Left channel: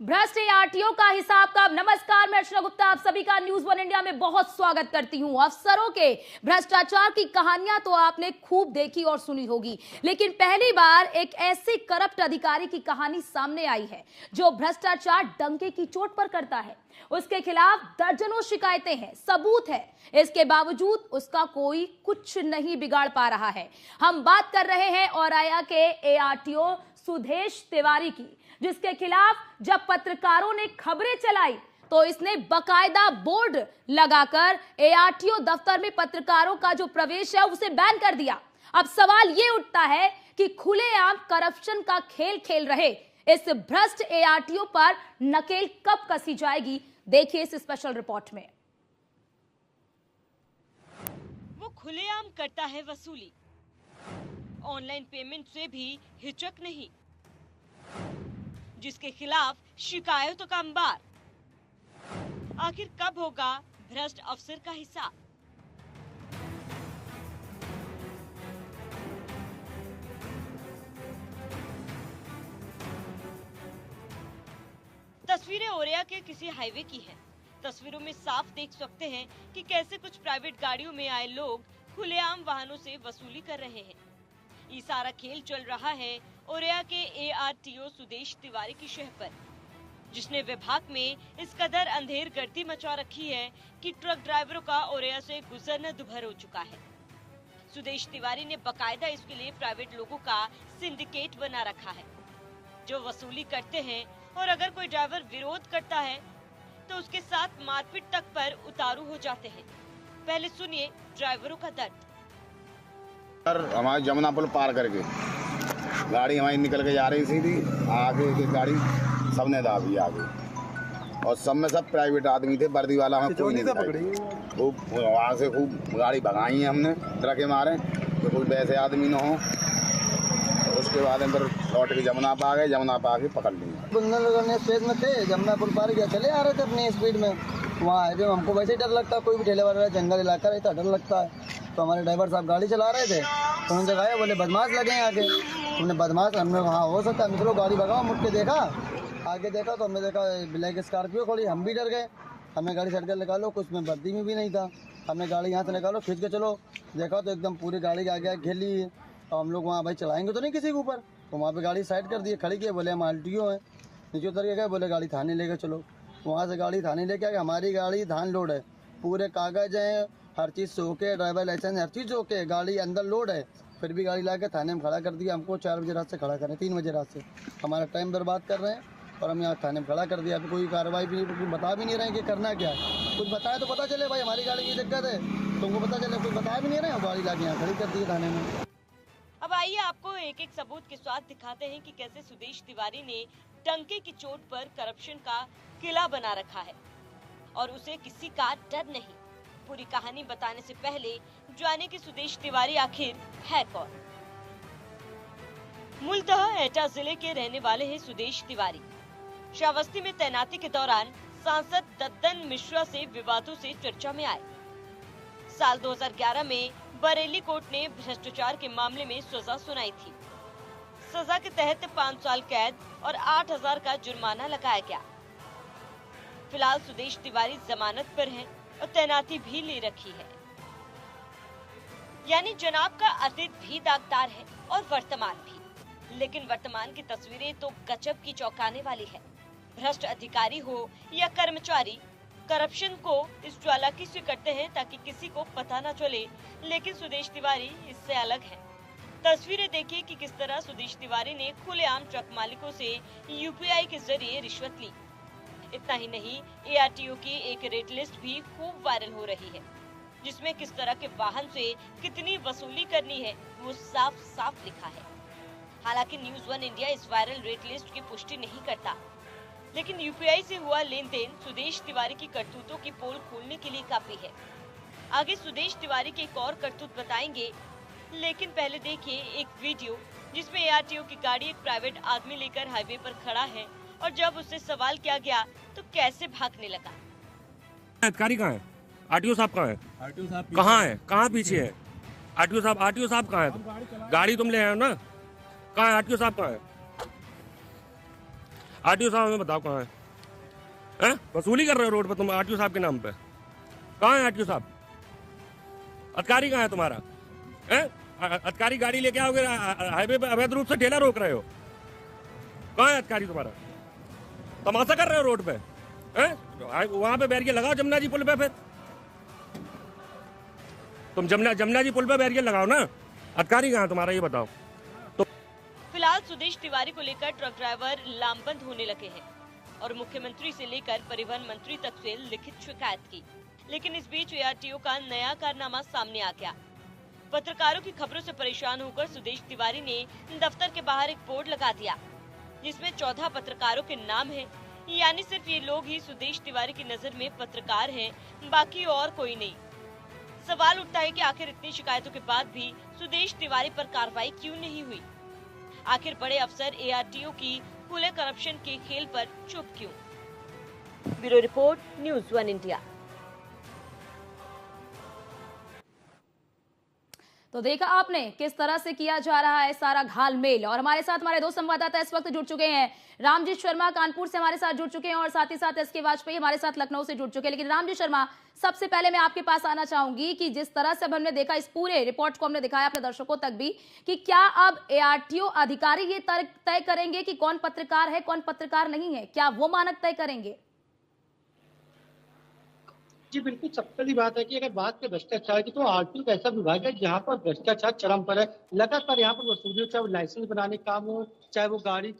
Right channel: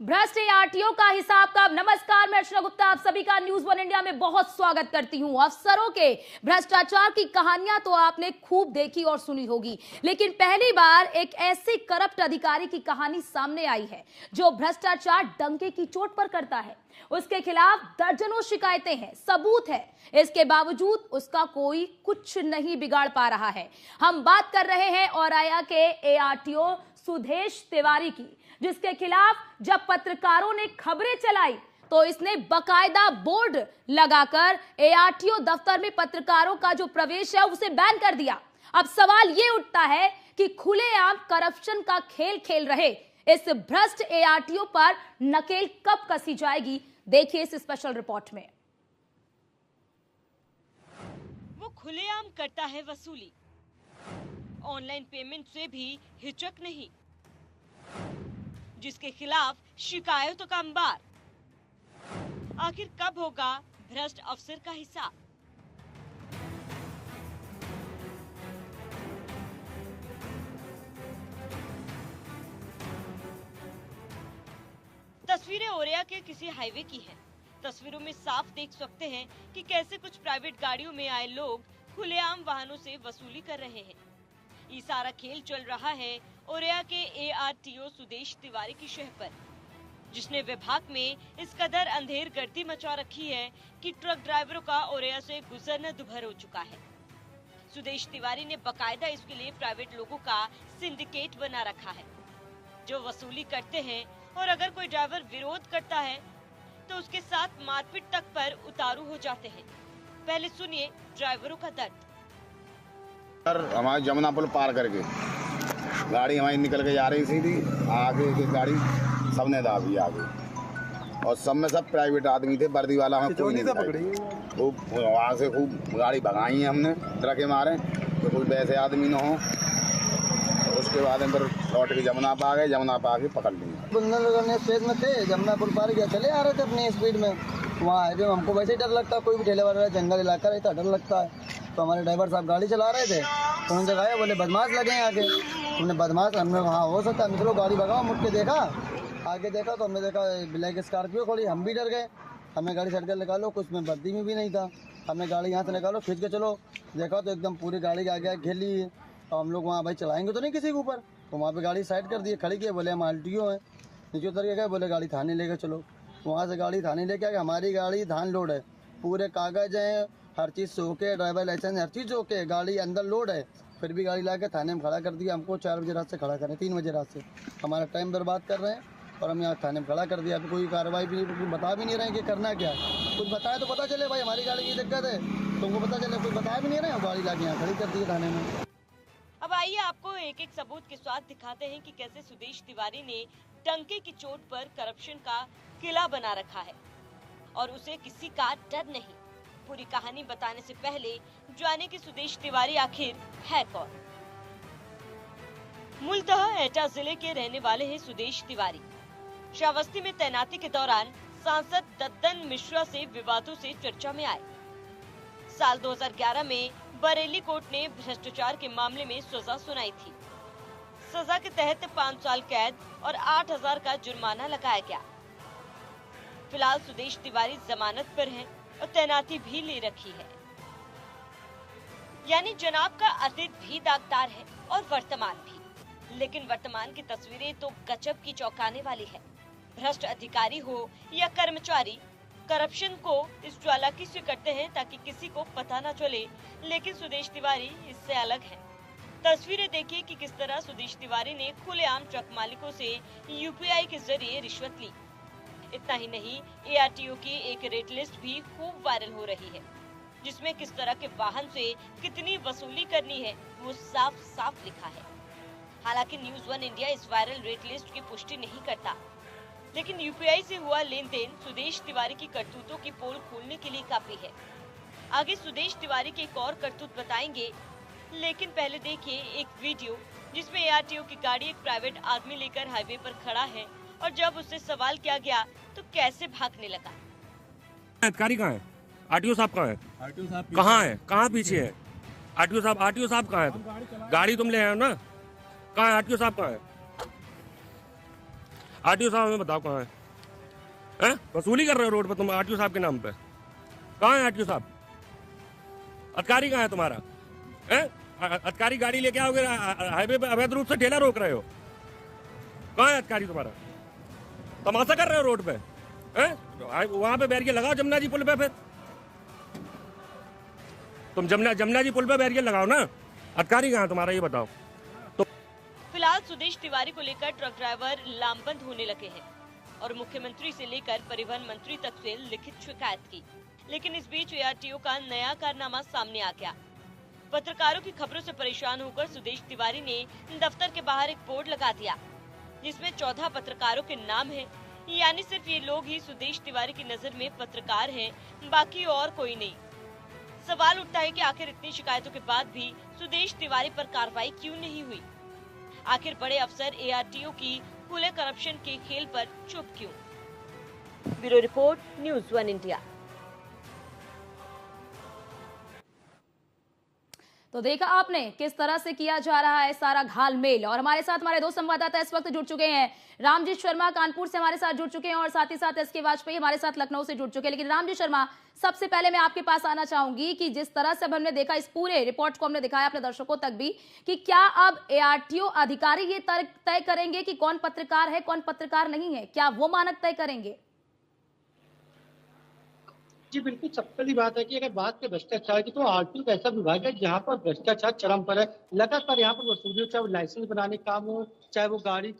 भ्रष्ट आरटीओ का हिसाब का। नमस्कार, मैं अर्चना गुप्ता आप सभी का न्यूज वन इंडिया में बहुत स्वागत करती हूं। अफसरों के भ्रष्टाचार की कहानियां तो आपने खूब देखी और सुनी होगी, लेकिन पहली बार एक ऐसे करप्ट अधिकारी की कहानी सामने आई है जो भ्रष्टाचार डंके की चोट पर करता है। उसके खिलाफ दर्जनों शिकायतें हैं, सबूत है, इसके बावजूद उसका कोई कुछ नहीं बिगाड़ पा रहा है। हम बात कर रहे हैं औराया के एआरटीओ सुदेश तिवारी की, जिसके खिलाफ जब पत्रकारों ने खबरें चलाई तो इसने बकायदा बोर्ड लगाकर एआरटीओ दफ्तर में पत्रकारों का जो प्रवेश है उसे बैन कर दिया। अब सवाल ये उठता है कि खुलेआम करप्शन का खेल खेल रहे इस भ्रष्ट एआरटीओ पर नकेल कब कसी जाएगी, देखिए इस स्पेशल रिपोर्ट में। वो खुलेआम करता है वसूली, ऑनलाइन पेमेंट से भी हिचक नहीं, जिसके खिलाफ शिकायतों का अंबार। आखिर कब होगा भ्रष्ट अफसर का हिसाब? तस्वीरें ओरिया के किसी हाईवे की हैं। तस्वीरों में साफ देख सकते हैं कि कैसे कुछ प्राइवेट गाड़ियों में आए लोग खुलेआम वाहनों से वसूली कर रहे हैं। ये सारा खेल चल रहा है ओरिया के एआरटीओ सुदेश तिवारी की शह पर, जिसने विभाग में इस कदर अंधेर गर्दी मचा रखी है कि ट्रक ड्राइवरों का ओरिया से गुजरना दुभर हो चुका है। सुदेश तिवारी ने बकायदा इसके लिए प्राइवेट लोगों का सिंडिकेट बना रखा है जो वसूली करते हैं, और अगर कोई ड्राइवर विरोध करता है तो उसके साथ मारपीट तक पर उतारू हो जाते हैं। पहले सुनिए ड्राइवरों का दर्द। हमारे जमुना पुल पार करके गाड़ी हमारी निकल के जा रही थी, आगे की गाड़ी सबने दाबी आगे, और सब में सब प्राइवेट आदमी थे, वर्दी वाला हमें कोई नहीं था। खूब वहाँ से खूब गाड़ी भगाई है हमने ट्रक मारे तो कोई वैसे आदमी न हो। उसके बाद हम फिर लौट के जमुना पा गए, जमुना पा के पकड़ लिए। बुंदर स्टेज में थे, जमुना पुल पार गया, चले आ रहे थे अपनी स्पीड में। वहाँ है जो हमको वैसे ही डर लगता है, कोई भी ठेले वाला जंगल इलाका रहता डर लगता है। तो हमारे ड्राइवर साहब गाड़ी चला रहे थे तो उन्होंने जगह बोले बदमाश लगे हैं आगे। हमने बदमाश, हमने हाँ हो सकता है, चलो गाड़ी भगाओ। मुड़ के देखा, आगे देखा तो हमने देखा ब्लैक स्कॉर्पियो खड़ी। हम भी डर गए, हमें गाड़ी सड़क निकालो, कुछ में वर्दी में भी नहीं था। हमें गाड़ी यहाँ से निकालो, खींच के चलो। देखा तो एकदम पूरी गाड़ी के आगे घेर ली है। और हम लोग वहाँ भाई चलाएंगे तो नहीं किसी के ऊपर, तो वहाँ पे गाड़ी साइड कर दी, खड़ी किए, बोले हम आरटीओ हैं। नीचे उतर के गए, बोले गाड़ी थाने लेके चलो। वहाँ से गाड़ी थाने लेके आ गए। हमारी गाड़ी धान लोड है, पूरे कागज हैं, हर चीज़ से ओके, ड्राइवर लाइसेंस हर चीज़ ओके, गाड़ी अंदर लोड है। फिर भी गाड़ी ला के थाने में खड़ा कर दिया। हमको 4 बजे रात से खड़ा करें, 3 बजे रात से हमारा टाइम बर्बाद कर रहे हैं, और हम यहाँ थाने में खड़ा कर दिया। अभी कोई कार्रवाई भी बता भी नहीं रहे कि करना क्या है। कुछ बताए तो पता चले भाई हमारी गाड़ी की दिक्कत है, तुमको पता चले, कुछ बताया भी नहीं रहे, गाड़ी ला के यहाँ खड़ी कर दी थाने में। अब आइए आपको एक एक सबूत के साथ दिखाते हैं कि कैसे सुदेश तिवारी ने डंके की चोट पर करप्शन का किला बना रखा है और उसे किसी का डर नहीं। पूरी कहानी बताने से पहले जाने कि सुदेश तिवारी आखिर है कौन। मूलतः एटा जिले के रहने वाले हैं सुदेश तिवारी। श्रावस्ती में तैनाती के दौरान सांसद दद्दन मिश्रा से विवादों से चर्चा में आए। साल 2011 में बरेली कोर्ट ने भ्रष्टाचार के मामले में सजा सुनाई थी। सजा के तहत 5 साल कैद और 8,000 का जुर्माना लगाया गया। फिलहाल सुदेश तिवारी जमानत पर हैं और तैनाती भी ले रखी है। यानी जनाब का अतीत भी दागदार है और वर्तमान भी, लेकिन वर्तमान की तस्वीरें तो गजब की चौंकाने वाली है। भ्रष्ट अधिकारी हो या कर्मचारी, करप्शन को इस चालाकी से करते हैं ताकि किसी को पता न चले, लेकिन सुदेश तिवारी इससे अलग है। तस्वीरें देखिए कि किस तरह सुदेश तिवारी ने खुलेआम ट्रक मालिकों से यूपीआई के जरिए रिश्वत ली। इतना ही नहीं, एआरटीओ की एक रेट लिस्ट भी खूब वायरल हो रही है, जिसमें किस तरह के वाहन से कितनी वसूली करनी है वो साफ साफ लिखा है। हालांकि न्यूज वन इंडिया इस वायरल रेट लिस्ट की पुष्टि नहीं करता, लेकिन यूपीआई से हुआ लेन देन सुदेश तिवारी की करतूतों की पोल खोलने के लिए काफी है। आगे सुदेश तिवारी की एक और करतूत बताएंगे, लेकिन पहले देखिए एक वीडियो जिसमें एआरटीओ की गाड़ी एक प्राइवेट आदमी लेकर हाईवे पर खड़ा है, और जब उससे सवाल किया गया तो कैसे भागने लगा। अधिकारी कहाँ है? आरटीओ साहब कहाँ है? आरटीओ साहब कहाँ है? कहाँ पीछे है? आरटीओ साहब कहाँ है? गाड़ी तुम ले आए हो ना, कहाँ है आरटीओ साहब? कहाँ है? आरटीओ साहब हमें बताओ कहाँ है? वसूली कर रहे हो रोड पे तुम आरटीओ साहब के नाम पे? कहाँ है आरटीओ साहब? अधिकारी कहाँ है तुम्हारा? अधिकारी गाड़ी लेके आओगे, हाईवे पे अवैध रूप से ठेला रोक रहे हो। कहाँ है अधिकारी तुम्हारा? तमाशा कर रहे हो रोड पे? वहां पे बैरियर लगाओ जमुना जी पुल पे। फिर तुम जमुना जी पुल पे बैरियर लगाओ ना। अधिकारी कहाँ है तुम्हारा ये बताओ। फिलहाल सुदेश तिवारी को लेकर ट्रक ड्राइवर लामबंद होने लगे हैं और मुख्यमंत्री से लेकर परिवहन मंत्री तक से लिखित शिकायत की, लेकिन इस बीच एआरटीओ का नया कारनामा सामने आ गया। पत्रकारों की खबरों से परेशान होकर सुदेश तिवारी ने दफ्तर के बाहर एक बोर्ड लगा दिया जिसमें 14 पत्रकारों के नाम हैं, यानी सिर्फ ये लोग ही सुदेश तिवारी की नजर में पत्रकार हैं, बाकी और कोई नहीं। सवाल उठता है कि आखिर इतनी शिकायतों के बाद भी सुदेश तिवारी पर कार्रवाई क्यों नहीं हुई? आखिर बड़े अफसर एआरटीओ की खुले करप्शन के खेल पर चुप क्यों? Bureau report, news 1 India. तो देखा आपने किस तरह से किया जा रहा है सारा घालमेल। और हमारे साथ हमारे दो संवाददाता इस वक्त जुड़ चुके हैं। रामजीत शर्मा कानपुर से हमारे साथ जुड़ चुके हैं और साथ ही साथ एसके वाजपेयी हमारे साथ लखनऊ से जुड़ चुके हैं। लेकिन रामजीत शर्मा, सबसे पहले मैं आपके पास आना चाहूंगी कि जिस तरह से अब हमने देखा, इस पूरे रिपोर्ट को हमने दिखाया अपने दर्शकों तक भी, कि क्या अब एआरटीओ अधिकारी ये तय करेंगे कि कौन पत्रकार है कौन पत्रकार नहीं है? क्या वो मानक तय करेंगे? जी बिल्कुल, सबसे पहली बात है कि अगर बात करें भ्रष्टाचार की, तो आरटीओ एक ऐसा विभाग है जहाँ पर भ्रष्टाचार चरम पर है। लगातार यहाँ पर वसूली, चाहे वो लाइसेंस बनाने का काम हो, चाहे वो गाड़ी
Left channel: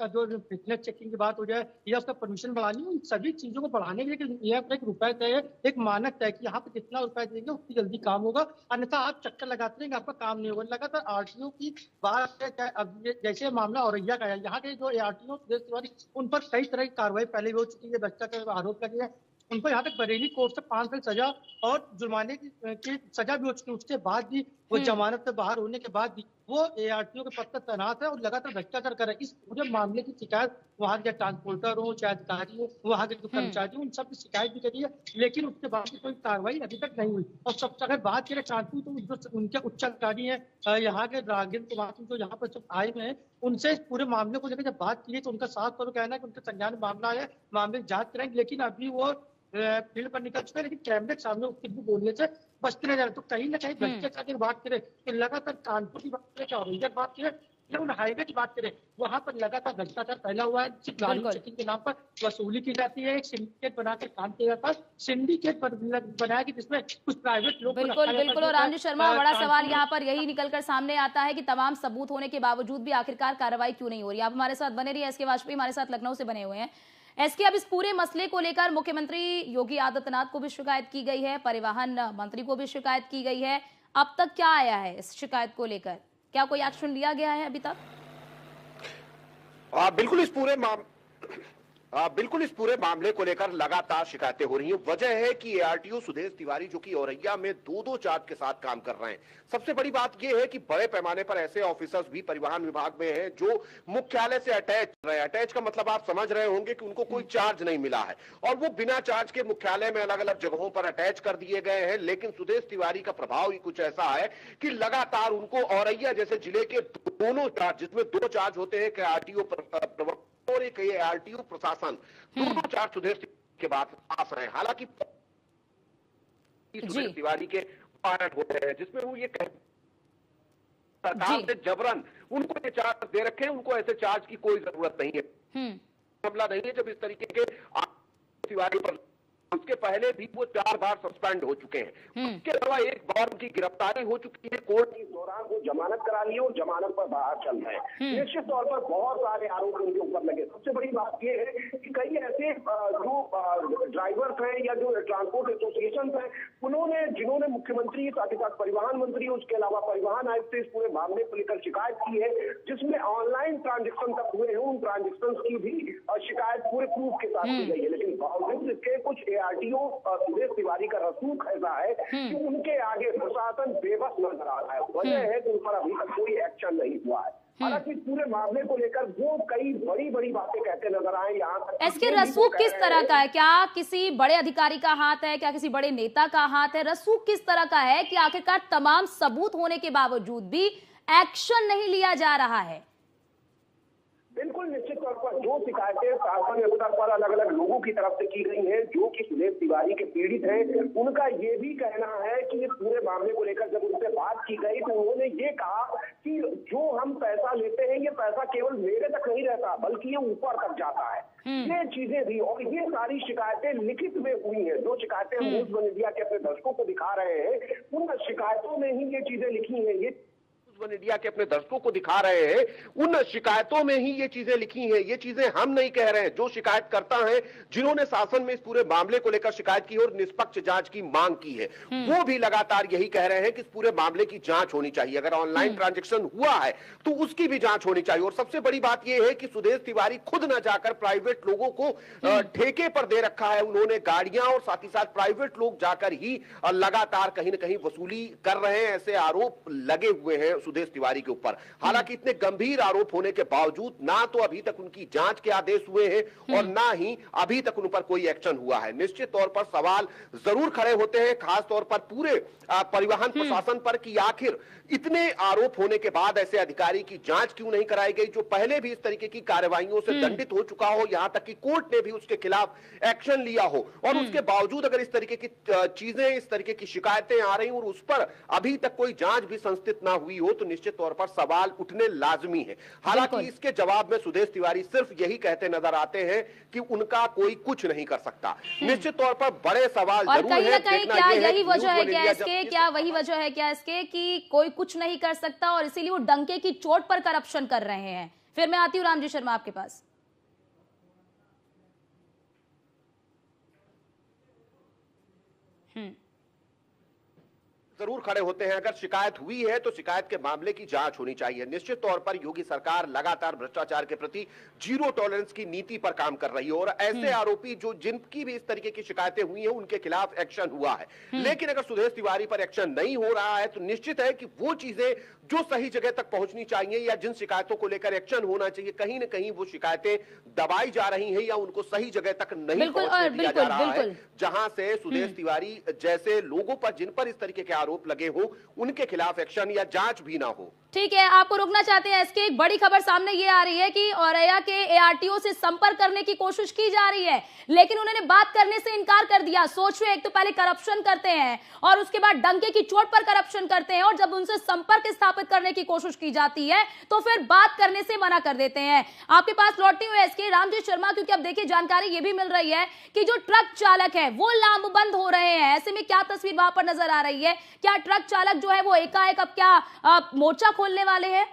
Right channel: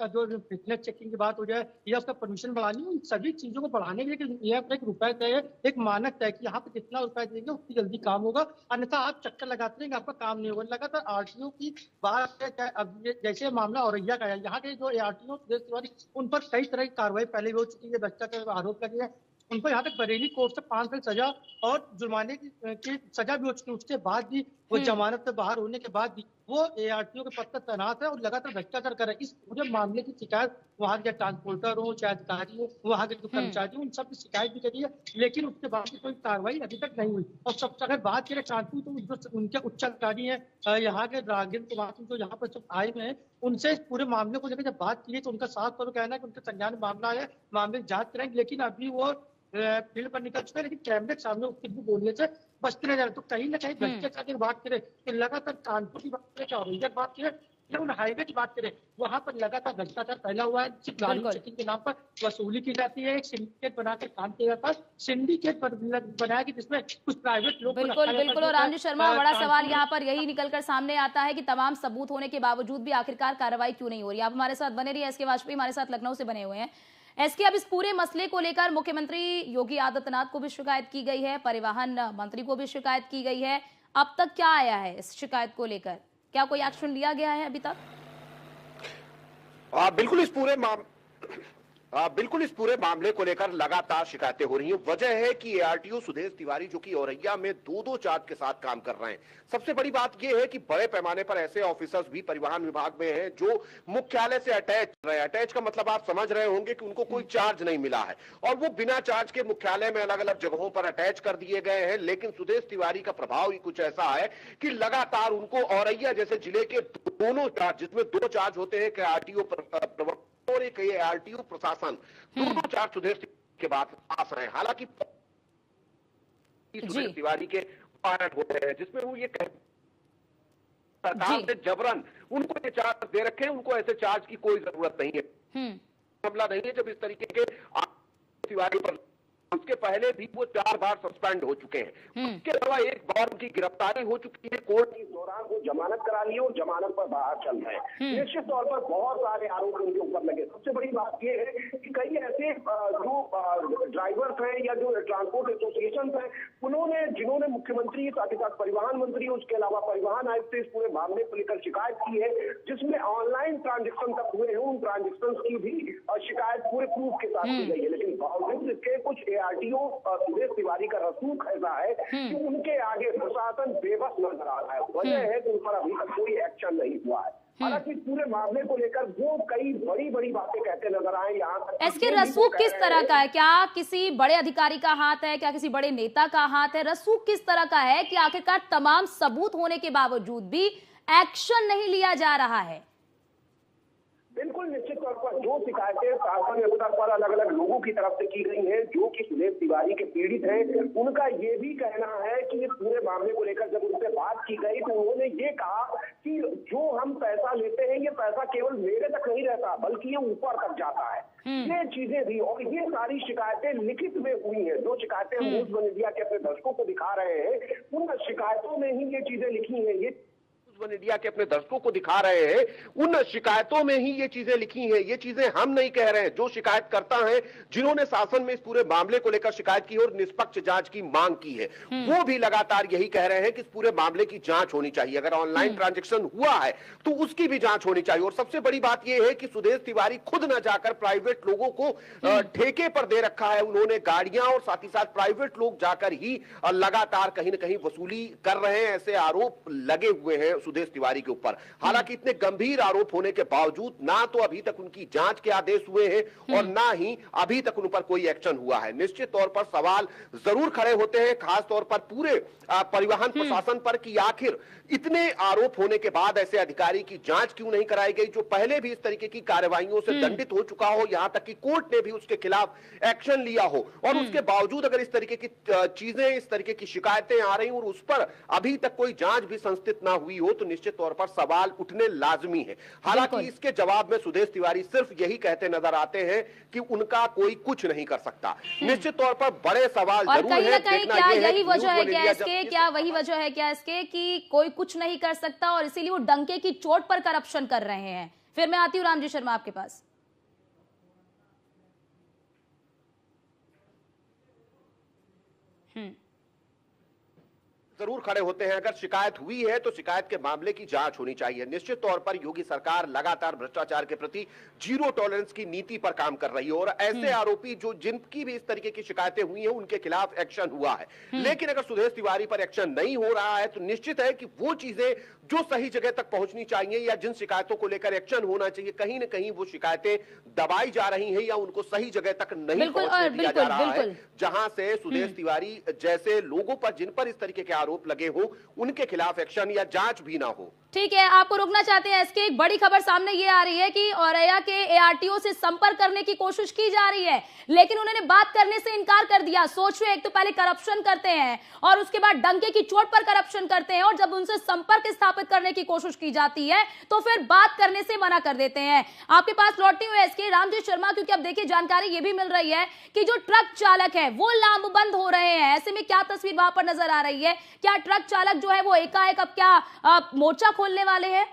का जो फिटनेस चेकिंग की बात हो जाए या उसका परमिशन बढ़ानी हो, इन सभी चीजों को बढ़ाने के लिए यह एक रुपए तय है, एक मानक तय कि यहाँ पे जितना रुपए देंगे उतनी जल्दी काम होगा, अन्यथा आप चक्कर लगाते रहेंगे, आपका काम नहीं होगा। लगातार आरटीओ की बात है। अब जैसे मामला औरैया का है, यहाँ के जो आरटीओ उन पर कई तरह की कार्रवाई पहले भी हो चुकी है, भ्रष्टाचार का आरोप लगे हैं। उनको यहाँ तक बरेली कोर्ट से 5 साल सजा और जुर्माने की सजा भी हो चुकी है। उसके बाद भी वो जमानत से बाहर होने के बाद भी वो एआरटीओ के पद पर तैनात है और लगातार भ्रष्टाचार कर रहे हैं। इस पूरे मामले की शिकायत वहाँ के ट्रांसपोर्टर हो, चाहे अधिकारी हो, वहाँ के जो कर्मचारी हो, उन सब की शिकायत भी करी है, लेकिन उसके बाद भी कोई कार्रवाई अभी तक नहीं हुई। और सबसे अगर बात करें ट्रांसपोर्ट, तो जो उनके उच्च अधिकारी है यहाँ के रागिन कुमार जो यहाँ पर सब आए हुए हैं, उनसे इस पूरे मामले को लेकर जब बात की तो उनका साफ तौर पर कहना है कि उनके संज्ञान में मामला है, मामले की जाँच करेंगे, लेकिन अभी वो फील्ड पर निकल चुके हैं, लेकिन कैमरे के सामने कुछ भी बोलने से बचते नजर। तो कहीं ना कहीं भ्रष्टाचार की बात करें तो लगातार कानपुर की बात करें, औरैया की बात करें, या उन हाईवे की बात करें, वहां पर लगातार भ्रष्टाचार फैला हुआ है। सिर्फ गाड़ी चेकिंग के नाम पर वसूली की जाती है, एक सिंडिकेट बनाकर काम किया जाता है, सिंडिकेट बनाया कि जिसमें कुछ प्राइवेट लोग। बिल्कुल। और रामजीत शर्मा, बड़ा सवाल यहाँ पर यही निकलकर सामने आता है कि तमाम सबूत होने के बावजूद भी आखिरकार कार्रवाई क्यों नहीं हो रही? आप हमारे साथ बने रहिए। एसके वाजपेयी हमारे साथ लखनऊ से बने हुए हैं। एसके, अब इस पूरे मसले को लेकर मुख्यमंत्री योगी आदित्यनाथ को भी शिकायत की गई है, परिवहन मंत्री को भी शिकायत की गई है। अब तक क्या आया है इस शिकायत को लेकर? क्या कोई एक्शन लिया गया है अभी तक? बिल्कुल इस पूरे मामले को लेकर लगातार शिकायतें हो रही हैं। वजह है कि एआरटीओ सुदेश तिवारी जो कि औरैया में 2-2 चार्ज के साथ काम कर रहे हैं। सबसे बड़ी बात यह है कि बड़े पैमाने पर ऐसे ऑफिसर्स भी परिवहन विभाग में हैं जो मुख्यालय से अटैच रहे। अटैच का मतलब आप समझ रहे होंगे कि उनको कोई चार्ज नहीं मिला है और वो बिना चार्ज के मुख्यालय में अलग अलग जगहों पर अटैच कर दिए गए हैं। लेकिन सुदेश तिवारी का प्रभाव ही कुछ ऐसा है कि लगातार उनको औरैया जैसे जिले के दोनों चार्ज, जिसमें 2 चार्ज होते हैं, आरटीओ और एक आरटीओ प्रशासन, दोनों चार्ज सुदेश के बाद पास रहे। हालांकि सुदेश तिवारी के पायलट होते हैं जिसमें वो ये सरकार से जबरन उनको ये चार्ज दे रखे हैं। उनको ऐसे चार्ज की कोई जरूरत नहीं है, मामला नहीं है। जब इस तरीके के तिवारी पर उसके पहले भी वो 4 बार सस्पेंड हो चुके हैं। उसके अलावा एक बार उनकी गिरफ्तारी हो चुकी है, कोर्ट के दौरान वो जमानत करा ली और जमानत पर बाहर चल रहे हैं। निश्चित तौर पर बहुत सारे आरोप उनके ऊपर लगे। सबसे बड़ी बात ये है कि कई ऐसे जो ड्राइवर्स हैं या जो ट्रांसपोर्ट एसोसिएशन हैं, जिन्होंने मुख्यमंत्री, साथ ही साथ परिवहन मंत्री, उसके अलावा परिवहन आयुक्त से इस पूरे मामले को लेकर शिकायत की है, जिसमें ऑनलाइन ट्रांजेक्शन तक हुए हैं। उन ट्रांजेक्शन की भी शिकायत पूरे प्रूफ के साथ की गई है। लेकिन बावजूद इसके कुछ एआरटीओ सुदेश तिवारी का रसूख ऐसा है कि उनके आगे प्रशासन बेबस नजर आ रहा है। वजह है कि उन पर अभी तक कोई एक्शन नहीं हुआ है। हालांकि पूरे मामले को लेकर वो कई बड़ी बातें कहते नजर आए। यहाँ तक इसके रसूख किस तरह का है? क्या किसी बड़े अधिकारी का हाथ है? क्या किसी बड़े नेता का हाथ है? रसूख किस तरह का है कि आखिरकार तमाम सबूत होने के बावजूद भी एक्शन नहीं लिया जा रहा है? बिल्कुल, निश्चित तौर पर जो लोगों की तरफ से की गई है, जो कि सुदेश तिवारी के पीड़ित हैं। उनका ये भी कहना है कि इस पूरे मामले को लेकर जब उनसे बात की गई तो उन्होंने ये कहा कि जो हम पैसा लेते हैं ये पैसा केवल मेरे तक नहीं रहता बल्कि ये ऊपर तक जाता है। ये चीजें भी और ये सारी शिकायतें लिखित में हुई हैं। जो शिकायतें न्यूज़ वन इंडिया के अपने दर्शकों को दिखा रहे हैं उन शिकायतों में ही ये चीजें लिखी हैं। ये वन इंडिया के अपने दर्शकों को दिखा रहे हैं उन शिकायतों में ही ये चीजें लिखी हैं। ये चीजें हम नहीं कह रहे हैं, जो शिकायतकर्ता हैं जिन्होंने शासन में इस पूरे मामले को लेकर शिकायत की और निष्पक्ष जांच की मांग की है वो भी लगातार यही कह रहे हैं कि इस पूरे मामले की जांच होनी चाहिए। अगर ऑनलाइन ट्रांजैक्शन हुआ है तो उसकी भी जांच होनी चाहिए। और सबसे बड़ी बात यह है कि सुदेश तिवारी खुद न जाकर प्राइवेट लोगों को ठेके पर दे रखा है। उन्होंने गाड़ियां और साथ ही साथ प्राइवेट लोग जाकर ही लगातार कहीं न कहीं वसूली कर रहे हैं, ऐसे आरोप लगे हुए हैं सुदेश तिवारी के ऊपर। हालांकि इतने गंभीर आरोप होने के बावजूद ना तो अभी तक उनकी जांच के आदेश हुए हैं और ना ही अभी तक उन पर कोई एक्शन हुआ है। निश्चित तौर पर सवाल जरूर खड़े होते हैं, खास तौर पर पूरे परिवहन प्रशासन पर कि आखिर इतने आरोप होने के बाद ऐसे अधिकारी की जांच क्यों नहीं कराई गई, जो पहले भी इस तरीके की कार्रवाइयों से दंडित हो चुका हो, यहां तक कि कोर्ट ने भी उसके खिलाफ एक्शन लिया हो। और उसके बावजूद अगर इस तरीके की चीजें, इस तरीके की शिकायतें आ रही और उस पर अभी तक कोई जांच भी संस्थित ना हुई हो तो निश्चित तौर पर सवाल उठने लाजमी है। हालांकि इसके जवाब में सुदेश तिवारी सिर्फ यही कहते नजर आते हैं कि उनका कोई कुछ नहीं कर सकता। निश्चित तौर पर बड़े सवाल और जरूर कहीं ना है। कहीं क्या यही वजह है क्या इसके, क्या वही वजह है क्या इसके कि कोई कुछ नहीं कर सकता और इसीलिए वो डंके की चोट पर करप्शन कर रहे हैं? फिर मैं आती हूँ रामजी शर्मा आपके पास। जरूर खड़े होते हैं। अगर शिकायत हुई है तो शिकायत के मामले की जांच होनी चाहिए। निश्चित तौर पर योगी सरकार लगातार भ्रष्टाचार के प्रति जीरो टॉलरेंस की नीति पर काम कर रही है और ऐसे आरोपी जो जिनकी भी इस तरीके की शिकायतें हुई हैं उनके खिलाफ एक्शन हुआ है। लेकिन अगर सुदेश तिवारी पर एक्शन नहीं हो रहा है तो निश्चित है कि वो चीजें जो सही जगह तक पहुंचनी चाहिए या जिन शिकायतों को लेकर एक्शन होना चाहिए, कहीं न कहीं वो शिकायतें दबाई जा रही हैं या उनको सही जगह तक नहीं पहुंचने दिया जा रहा है, जहां से सुदेश तिवारी जैसे लोगों पर, जिन पर इस तरीके के आरोप लगे हो, उनके खिलाफ एक्शन या जांच भी ना हो। ठीक है, आपको रोकना चाहते हैं इसके। एक बड़ी खबर सामने ये आ रही है कि औरैया के एआरटीओ से संपर्क करने की कोशिश की जा रही है, लेकिन उन्होंने बात करने से इनकार कर दिया। सोचिए, एक तो पहले करप्शन करते हैं और उसके बाद डंके की चोट पर करप्शन करते हैं, और जब उनसे संपर्क स्थापित करने की कोशिश की जाती है तो फिर बात करने से मना कर देते हैं। आपके पास लौटती हुई इसके रामजी शर्मा, क्योंकि अब देखिए जानकारी ये भी मिल रही है कि जो ट्रक चालक है वो लामबंद हो रहे हैं। ऐसे में क्या तस्वीर वहां पर नजर आ रही है? क्या ट्रक चालक जो है वो एकाएक अब क्या मोर्चा खोलने वाले हैं?